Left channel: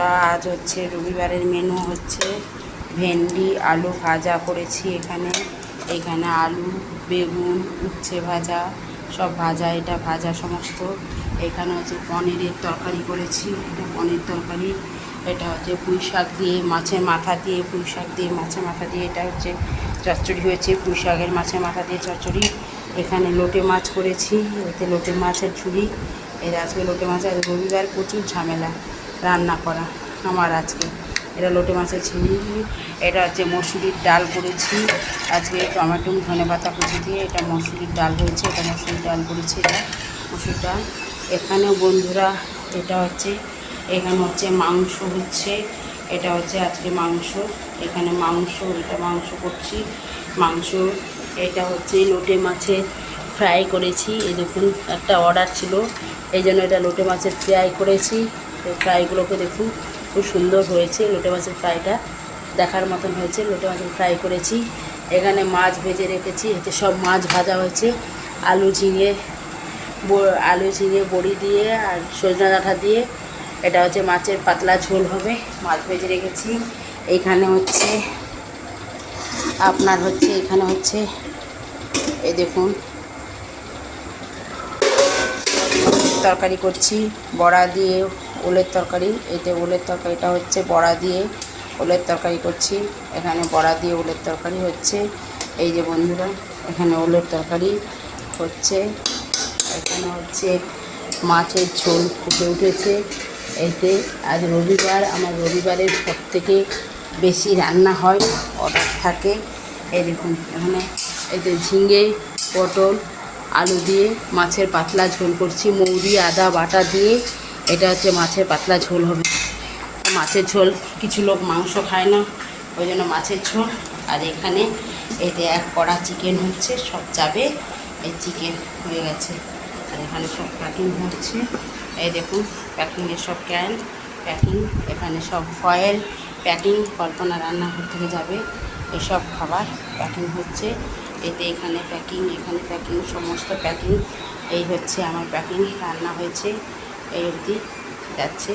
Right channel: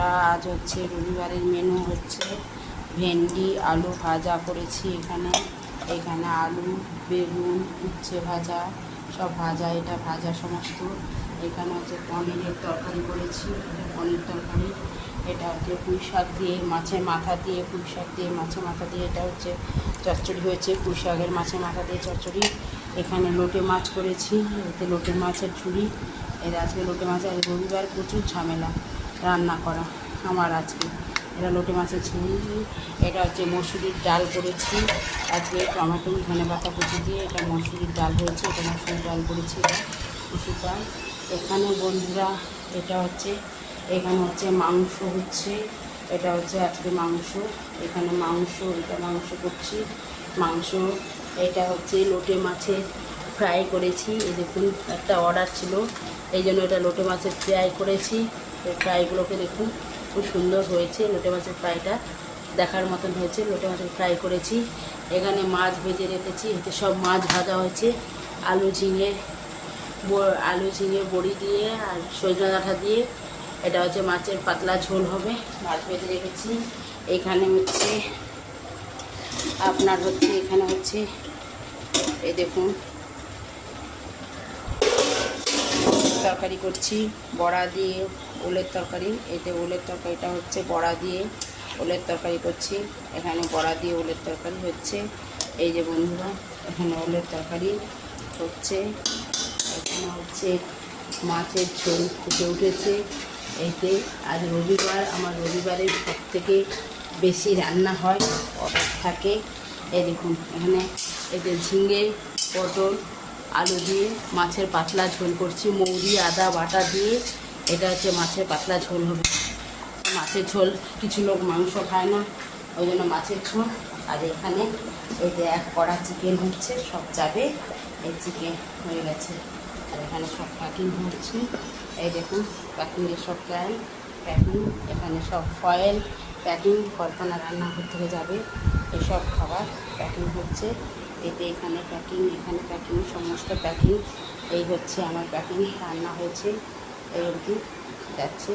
বন্ধুরা, আজ হচ্ছে রবিবারের মেনু হচ্ছে ভেন্ডি আলু ভাজা করেছি। এখানে আলু বেগুন উচ্ছে ভাজা, সব ভাজা, এটা ভাজা সমস্ত। এখানে হচ্ছে পনিরের তরকারি করেছি, এটা পনির তরকারি। এটা হচ্ছে পুঁই শাক দিয়ে মাছের মাথা দিয়ে, পুঁই শাক দিয়ে মাছের মাথা দিয়ে এটা হচ্ছে চচ্চড়ি হয়েছে, পুঁই শাকের মাছের মাথা দিয়ে চচ্চড়ি। এখানে লোটে মাছ করেছি, এতে লোটে মাছের ঝুড়ি। এর আজকে লোটে মাছ, আজ রবিবার প্রচুর ঝামেলা রান্না করা আমার আজকে। এটা লোটে মাছের ঝুড়ি। এটা হচ্ছে মসুরির ডাল করেছি আজকে, টমেটো ধনে পাতা কুচি দিয়ে এটা মসুরির ডাল হয়েছে। এটা মসুরির ডাল করেছি, এটা মসুর ডাল। এখানেও বন্ধুরা এখানে হচ্ছে মাংস হচ্ছে, এটা হচ্ছে আজকে মাংস। এখানে মাংস, এটা মাংস করছি মাংস। এটা হচ্ছে লোটে মাছের ফ্রাই করেছি। এই দেখুন, একটা অর্ডার ছিল, এই জন্য এটা লোটে মাছের ফ্রাই করেছি। ফ্রাইগুলোকে দেখুন খুব সুন্দর হয়েছে, লোটে মাছের ফ্রাইটা দেখার মতন হয়েছে। লোটে মাছের ফ্রাই করেছি। এখানে মাছ ভেজে রেখেছি, এতে সব মাছ ভাজা হয়েছে। আলু ঝিঙে বড়ি দিয়ে আর সজনা ডাঁটা দিয়ে এটা হচ্ছে মাছের পাতলা ঝোল হবে। মাছ ভেজে রেখেছি। এখানে হচ্ছে এই দেখুন তরকারি করছি বড়া দিয়ে, ওলের তরকারি। এতে ওলের তরকারিটা হচ্ছে বড়া দিয়ে ওলের তরকারি করছি। এখানে বড়া দিয়ে ওলের তরকারি হচ্ছে। এই যে বন্ধুরা, এখানে ওলের তরকারি হচ্ছে। এখানে হচ্ছে মাছের ঝোল ফুটে উঠেছে। এতে আজ রবিবার, আমার রবিবারের সবথেকে বেশি রান্না হয়, অর্ডার থাকে। এই দেখুন, এখানে এতে ঝিঙে পটল আলু দিয়ে মাছের পাতলা ঝোল করছি, মৌরি আদা বাটা দিয়ে। এটা হচ্ছে মাছের পাতলা ঝোল হবে। মাছের ঝোল, কিছু লোক মাংস খায় না, ওই জন্য মাছের ঝোল। আর এখানে এতে এক কড়া চিকেন হচ্ছে, সব যাবে। এই চিকেন হয়ে গেছে, আর এখানে সব প্যাকিং হচ্ছে। এই দেখুন প্যাকিংয়ের সব ক্যান প্যাকিং, এখানে সব ফয়েল প্যাকিং, কল্পনা রান্নাঘর থেকে যাবে এসব খাবার প্যাকিং হচ্ছে। এতে এখানে প্যাকিং, এখানে প্যাকিং, সমস্ত প্যাকিং। এই হচ্ছে আমার প্যাকিং, রান্না হয়েছে এই অবধি যাচ্ছে।